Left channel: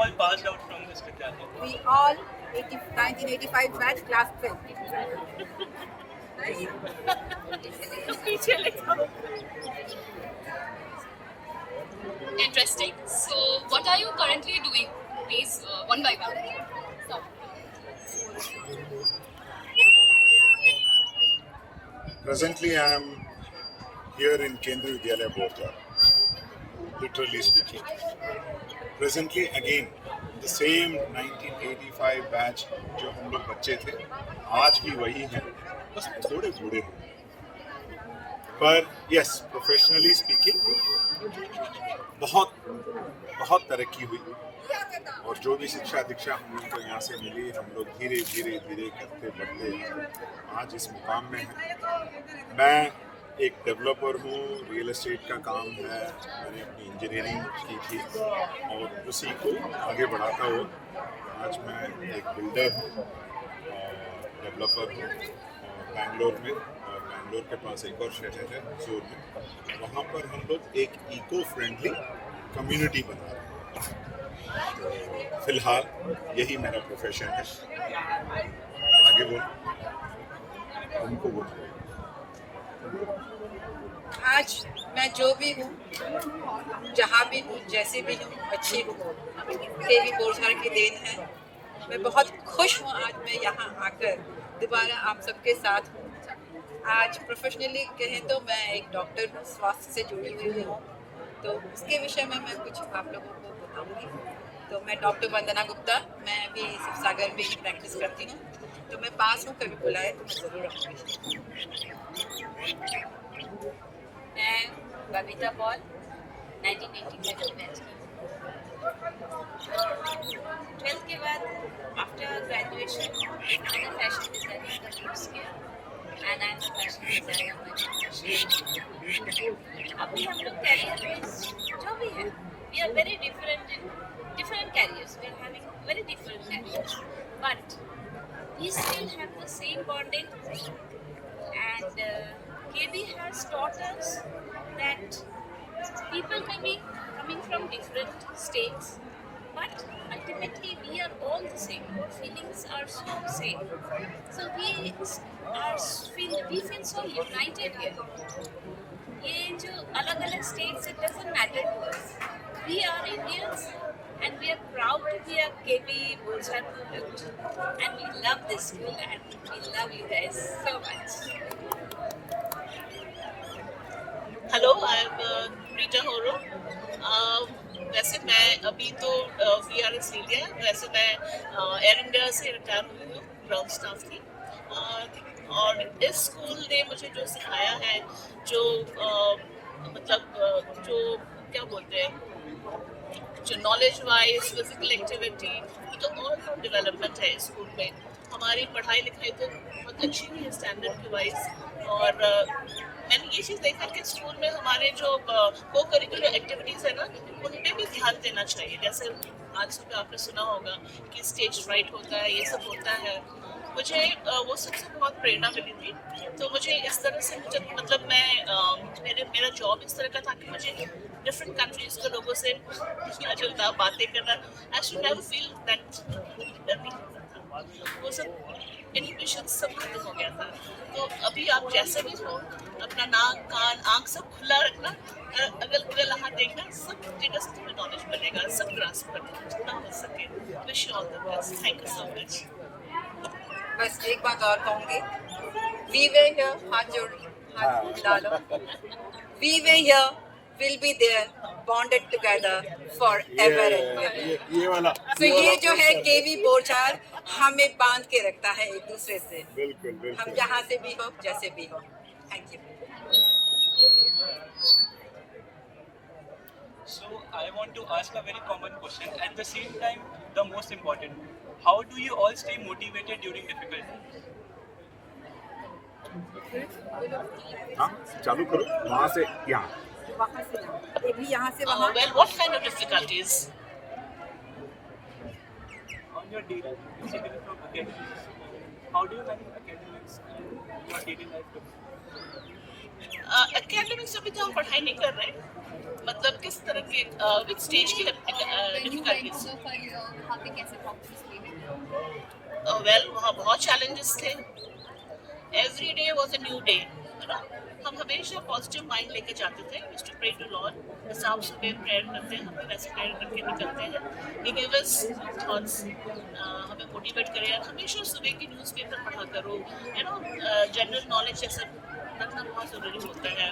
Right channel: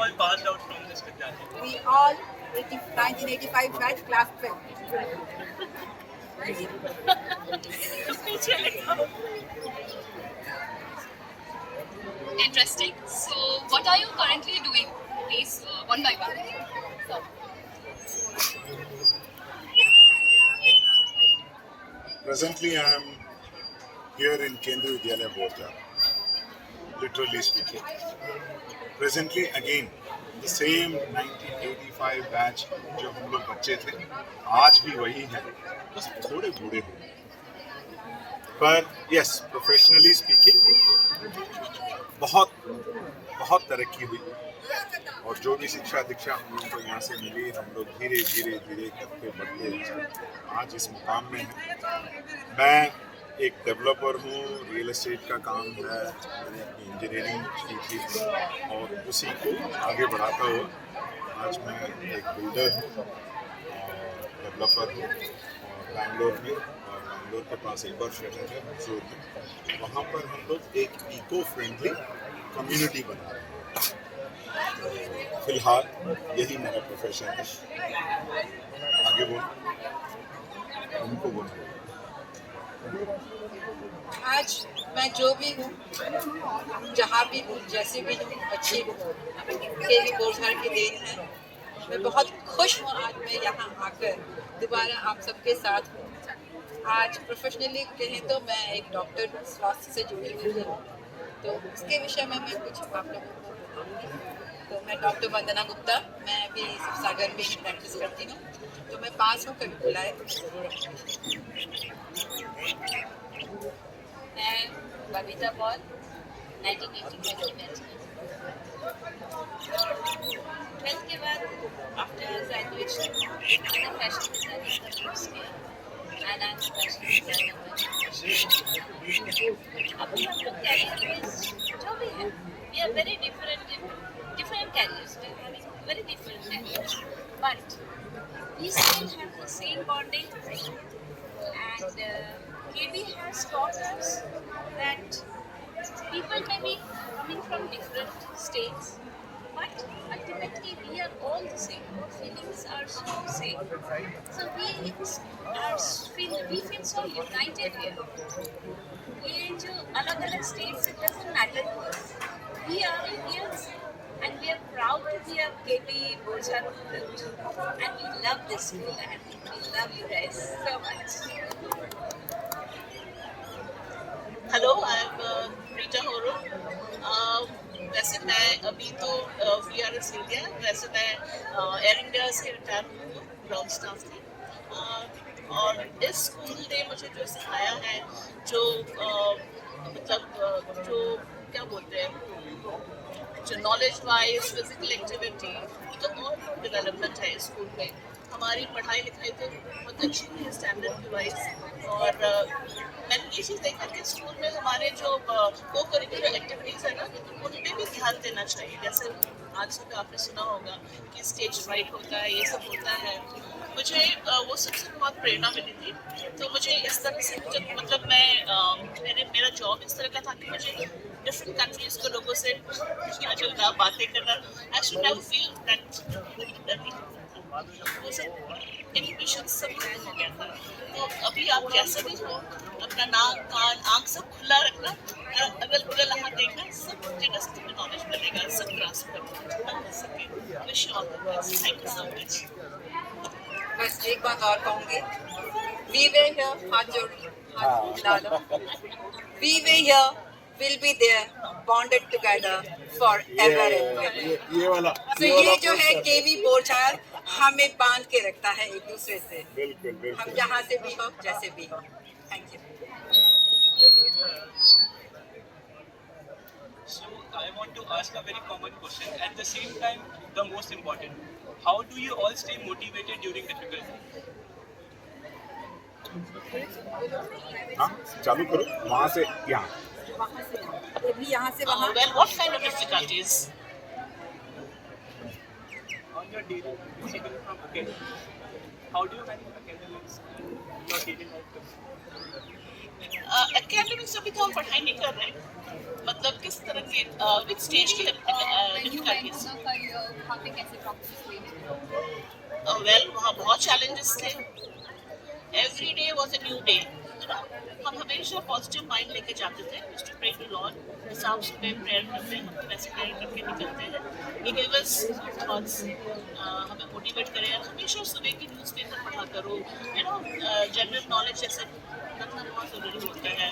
all passed out from this Vidyalaya? We all 1985 batch, class 12. Interesting. So, what are you currently doing? Please, one by one. So, Presently, I am here in Kendriya Vidyalaya Borja, literally speaking. Presently, again, the same 1985 batch जो हम लोग बच्चे थे, आज भी वही है, बस थोड़े बूढ़े हैं. पर यस, प्रोफेशनली स्पीकिंग बहुत बहुत तरक्की हुई और जो भी शिक्षा दीक्षा हम लोगों को यहाँ से मिली, हम लोग धीरे धीरे धीरे करते बढ़ते आज इस मुकाम में हैं. मैं एक डेवलपर हूँ, रियल एस्टेट का काम है, मैंने अपनी इंजीनियरिंग की थी और उसी को आगे बढ़ाता हुआ आज मैं एक बिल्डर हूँ और डेवलपर हूँ और बैंगलोर में, और बैंगलोर के पास एक और शहर है हजूर में, वहाँ पर हम लोग एक इको फ्रेंडली कम्युनिटी बना रहे हैं. तो फिलहाल यही मेरा प्रोफेशन है. आगे बोल, उनको बोल. आज मैं जो भी हूँ, जहाँ भी हूँ, जैसे भी हूँ, अच्छी हूँ, केवी बोरझार की देन है. मैं बहुत खुश हूँ आज मैं यहाँ आकर दोबारा आप सबके साथ हूँ. आज प्रोफेशनली कहें तो मैं एक डॉक्टर हूँ, स्वास्थ्य से जुड़ी हुई हूँ, तो उसके विषय में मैं कुछ आप लोगों को बताऊँगी. तो मैं डॉक्टर वंदना गुप्ता, मैं अभी शिवसागर में ही प्रैक्टिस करती हूँ, तो मैं पास हूँ, कभी बुलाए तो मैं ज़रूर आऊँगी. मैं बबीता पॉल, 1985 बैच की. 12th के बाद आफ्टर ग्रेजुएशन मैंने फैशन डिजाइनिंग का कोर्स किया and I am fashion designer by profession. अभी हम लोग कैरियर बेस जो भी है, we are very different in different careers. We are having very different careers, but we still have the same bonding. And KB has taught us that people may be coming from different states, but ultimately we are all the same. Our feelings are so same. So we feel so united here. ये जो अलग-अलग states, it doesn't matter to us. We are Indians. And we are proud to be a KB Borzar student. And we love this school and we love you guys so much. Hello, I am Rita Horo. वैसे मैं अभी तो VRS India, वैसे मैं air India से retire हुई हूँ, ground staff थी. और इस स्कूल ने मुझे जो सिखाया है, जो मतलब जो क्या बोलते हैं, जो नॉलेज वाइज फिजिकल एक्टिविटी, तो और डेवलपमेंट है इस स्कूल में. हमारी पढ़ाई लिखाई तो बहुत अच्छी है स्टैंडर्ड के वाइज. और मैंने ये चीज़ देखा कि स्कूल में हमारे जो को करिकुलर एक्टिविटीज़ है ना, उन पर भी ध्यान देना चाहिए. जैसे आज सुबह आपने सुना होगा कि स्टेज राइट होता है, ये सब होता है. मुझे वो सबसे बहुत प्रेरणा मिली थी. तो मुझे इस तरह से मतलब मैं मेरा जॉब इस तरह का था कि मुझे डिफरेंट कंट्रीज के लोगों से मिलना जुलना, बातें करना. I should never feel that वो सब इनहिबिशन सब खत्म हो गया था. तो अभी आप जैसे भी हो, अपना नाक कान आँख सब खुला रखना, अगल बगल हाथ देखना, सब जगह से तुम्हें नॉलेज मिलेगा, सब ग्रास्प करना जितना हो सके. Wish you all the best. Thank you so much. बस एक बात और कहूँगी, we were here, हाथ जोड़ लो. We were here, will be there, bonded together forever and ever. ये वाला. तो ये जो है केवी बोरझार हमें बांध के रखता है एक दूसरे से. बिल्कुल बिल्कुल. हम जहाँ से भी हो, जैसे भी हो. Thank you. So I want to ask a very common question, at the same time the most important. How do you all stay motivated during difficulty? हाँ, चालू करो वहाँ से यहाँ. वहाँ से यहाँ, ये भी यहाँ से वहाँ. Well, what kind of difficulties? On your daily basically from academics, how do you manage academics and your daily life? Academics अभी तो हम पढ़ाई नहीं कर रहे हैं. मतलब किस तरह के विच स्टेज की डिफिकल्टीज? वहाँ पे कैसे प्रॉक्टिस लेने? वेल वहाँ बहुत चैलेंजेस थे. Every day was a new day. हम हमेशा पॉजिटिव माइंड लेके जाते थे. To pray to lord. जैसे आप सुबह प्रेयर करते हैं, हम भी वैसे प्रेयर करके निकलते हैं. वी गिव अस थॉट्स, हमें मोटिवेट करें. हमेशा सुबह की न्यूज़पेपर पढ़ा करो. जनरल नॉलेज जैसे रखना बहुत ज़रूरी होता है.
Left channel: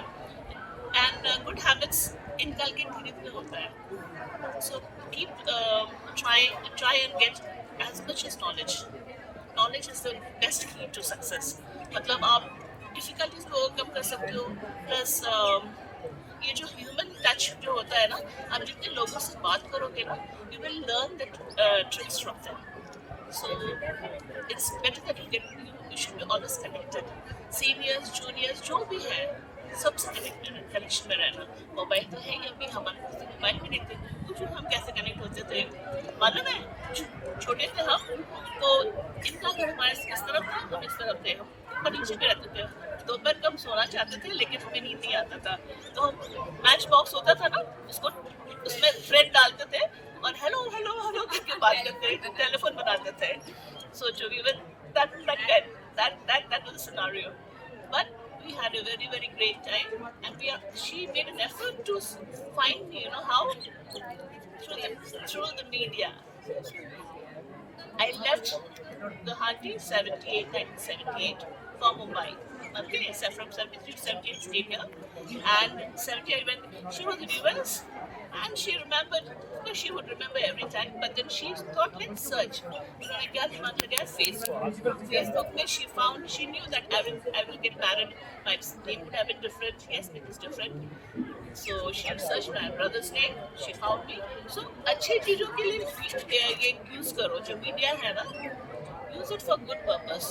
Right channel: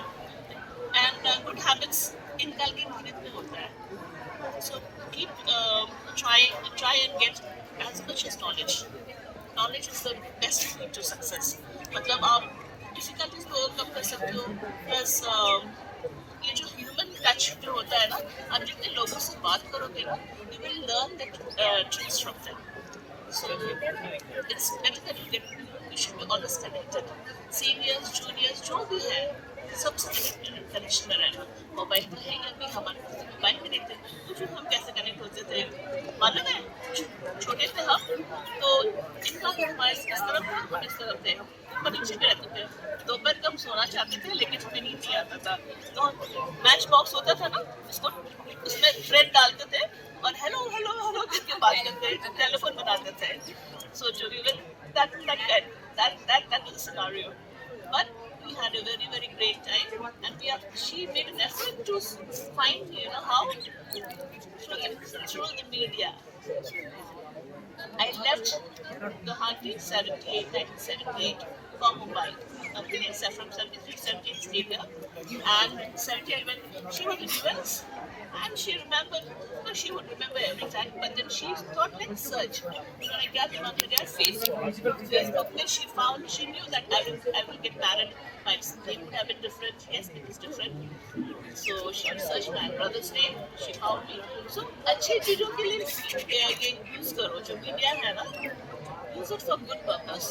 एंड गुड हैबिट्स इनकलकेट धीरे धीरे होता है. So keep try and get as much as knowledge. Knowledge is the best key to success. मतलब आप डिफिकल्टीज को ओवरकम कर सकते हो. प्लस ये जो ह्यूमन टच जो होता है ना, आप जितने लोगों से बात करोगे ना, you will learn that tricks from them. So it's better that you should be always connected. Seniors, juniors, जो भी है, सबसे कनेक्शन में रहना. मोबाइल तो है ही, अभी हमारे पास मोबाइल भी नहीं थे, तो फिर हम कैसे कनेक्ट होते थे? मालूम है, छोटे थे हम, तो इनका घर हमारे इस तरफ था, हम इस तरफ थे. हम नीचे में रहते थे. दोपहर को हम सोना चाहते थे, लेकिन हमें नींद नहीं आता था. तो हम मैच बॉक्स होता था ना, उसको उसमें फ्रेंड डालते थे और हेलो हेलो हेलो करके बात करते थे, टेलीफोन बनाते थे. सोचो, we were that was the scenario. But we had a very very great time, and she made an effort to find how through the media. I left Guwahati 1978 for Mumbai. Okay, so from 73 to 78 stayed here, and 78 when she was in US, and she remembered. She would remember every time, but then she thought, let's search. Facebook, she found, she knew that I will get married. My name would have been different. Yes, it is different. So she searched my brother's name. She found me. So अच्छी चीजों के लिए ये use करो. जो media है ना, use it for good purpose.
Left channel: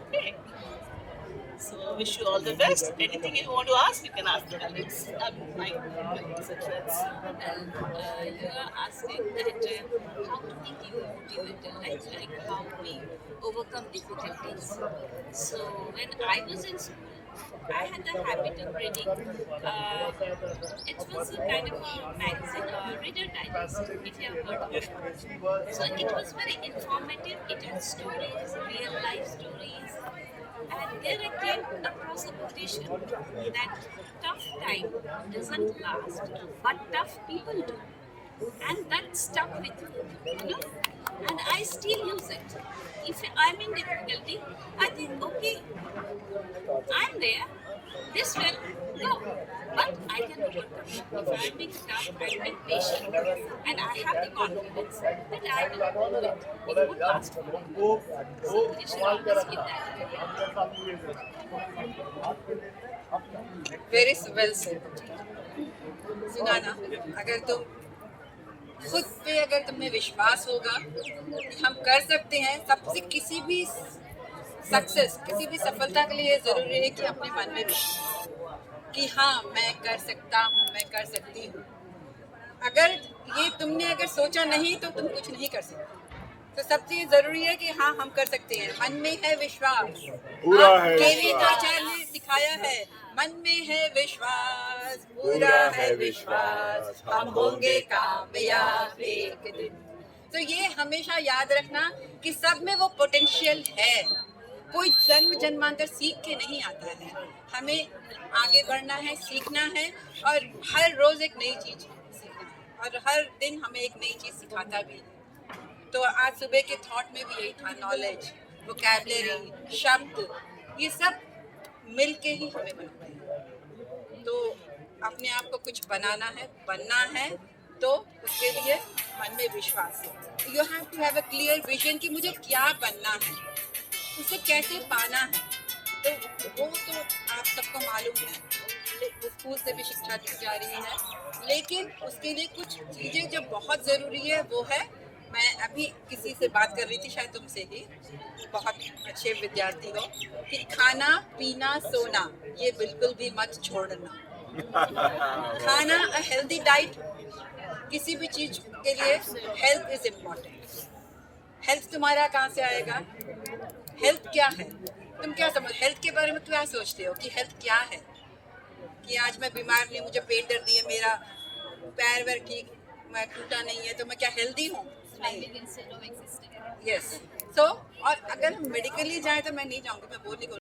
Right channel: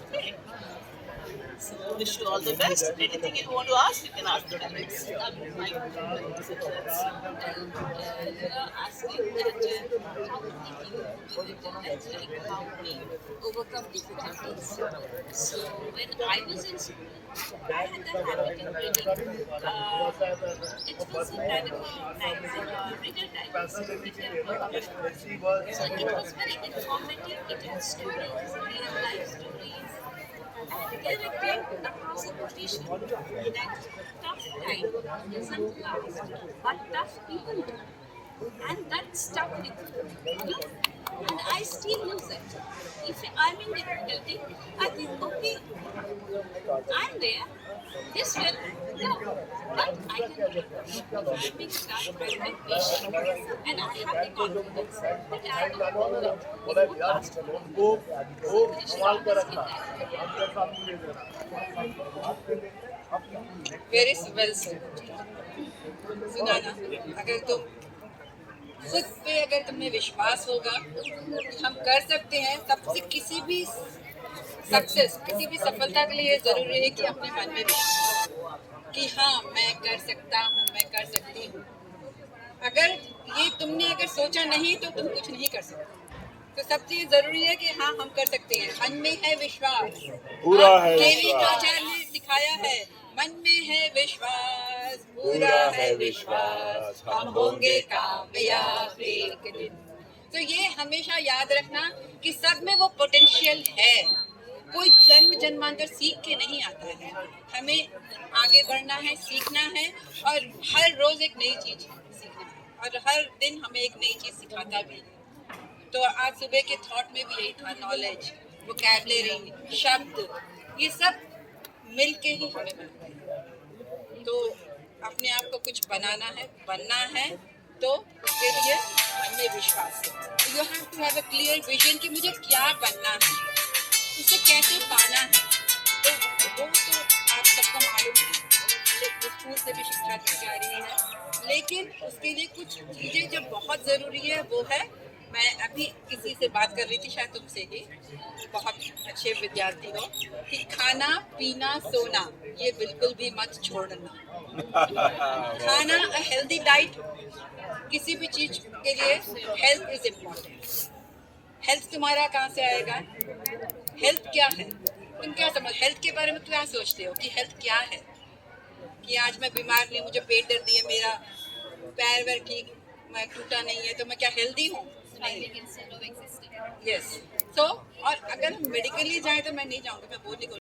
Okay. So wish you all the best. Anything you want to ask, you can ask the parents. My success. You are asking that how to be motivated, like how we overcome difficulties. So when I was in school, I had the habit of reading. It was a kind of a magazine or reader digest, if you have heard of it. So it was very informative. It had stories, real life stories. And there I came across a quotation that tough time doesn't last, but tough people do. And that stuck with me, and I still use it. If I'm in difficulty, I think, okay, I'm there, this will go, but I can overcome. If I'm being tough, I'm being patient, and I have the confidence that I will do it. It would last for long. So you should always keep that. Very well said. सुना ना, अगर तुम खुद पे अगर तुम्हें विश्वास होगा कि हम कर सकते हैं, सबसे किसी भी सक्सेस, किसी भी सफलता के लिए ज़रूरी है कि अपने मन में विश्वास कि हाँ मैं कर सकता हूँ, मैं कर सकती हूँ. अगर ये तुमने अगर सोचा नहीं तो तुम कुछ नहीं कर सकते. तो सबसे ज़रूरी है कि हाँ हम कर सकते हैं. मन में है विश्वास. पूरा है केवी विश्वास. आचार्य ने सिखाया है, मन में है विश्वास, पूरा है विश्वास, हम होंगे कामयाब एक दिन. तो ये हमेशा याद रखना कि सब में वो पोटेंशियल है. कोई जन्म जन्मांतर सीख के नहीं आता है. हमें आगे बढ़ना है, सीखना है, और हर रोज एक नई चीज सीखना है, और हर दिन हमें एक नई चीज सिखाता भी है. तो आज सुबह के थॉट में भी यही था, नॉलेज, वोकैबुलरी, शब्द, ये सब मिल के ही हमें बनता है. तो अपने आप को कुछ बनाना है, बनना है, तो उसके लिए मन में विश्वास है. You have to have a clear vision कि मुझे क्या बनना है, उसे कैसे पाना है. तो वो तो आप सबको मालूम है, स्कूल से भी शिक्षा दी जा रही है. लेकिन उसके लिए कुछ चीज़ें जो बहुत ज़रूरी है वो है, मैं अभी किसी से बात कर रही थी, शायद तुमसे ही, बहुत अच्छे विद्यार्थी हो, कि खाना पीना सोना ये बिल्कुल भी मत छोड़ना. खाना, अ हेल्दी डाइट, किसी भी चीज़ के लिए हेल्थ इज़ इम्पॉर्टेंट. हेल्थ तुम्हारा कहाँ से आएगा? हेल्थ क्या है? तुम क्या समझ, हेल्थ के बारे में क्या सोचते हो कि हेल्थ क्या है? कि आज मैं बीमार नहीं, मुझे पेट दर्द है, मेरा पैर वैर ठीक, मैं टूटा नहीं है, तो मैं क्या हेल्दी हूँ? finding instead of existing. Yes. So और अगर हम मेडिकली जाए तो मैं नहीं जाऊंगी, मैं वो नहीं